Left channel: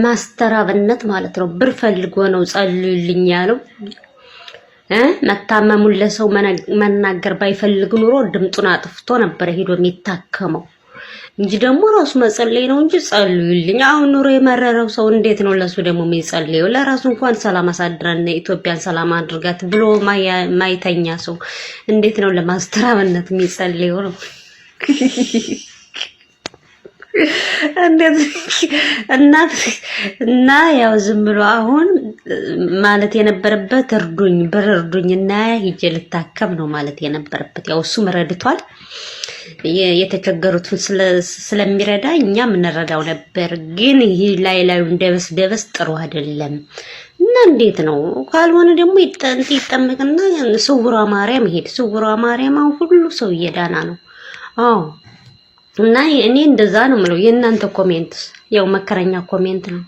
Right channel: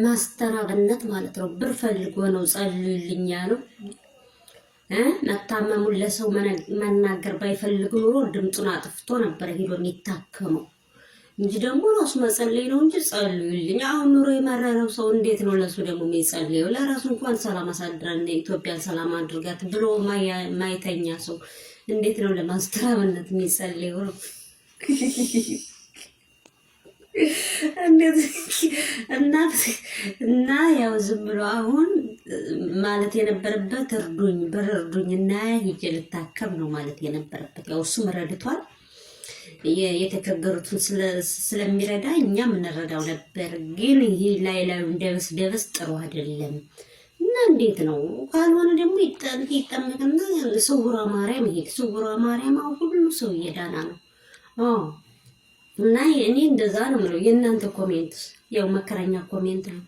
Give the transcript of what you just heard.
ማስተራብነት ማለት ነው። ብር ፈልጎ ነው ጸልዩልኝ ያለው። መታመሙን ለሰው መናገር ባይፈልግ ኑሮ ድምጡን አጥፍቶ ነበር ሄዶ የሚታከመው እንጂ ደግሞ ራሱ መጸለይ ነው እንጂ ጸልዩልኝ። አሁን ኑሮ የመረረው ሰው እንዴት ነው ለሱ ደግሞ የሚጸልየው? ለራሱ እንኳን ሰላም አሳድረን ኢትዮጵያን ሰላም አድርጋት ብሎ ማይተኛ ሰው እንዴት ነው ለማስተራብነት የሚጸልየው ነው? እንዴት እና ያው ዝም ብሎ አሁን ማለት የነበረበት እርዱኝ ብር እርዱኝና ሂጄ ልታከም ነው ማለት የነበረበት። ያው እሱም ረድቷል። የተቸገሩትን ስለሚረዳ እኛም እንረዳው ነበር። ግን ይሄ ላዩ ደበስ ጥሩ አይደለም። እና እንዴት ነው ካልሆነ ደግሞ ይጠመቅና ስውሯ ማርያም ይሄድ። ስውሯ ማርያም ሁሉ ሰው እየዳና ነው። አዎ እና እኔ እንደዛ ነው የምለው። የእናንተ ኮሜንት ያው መከረኛ ኮሜንት ነው።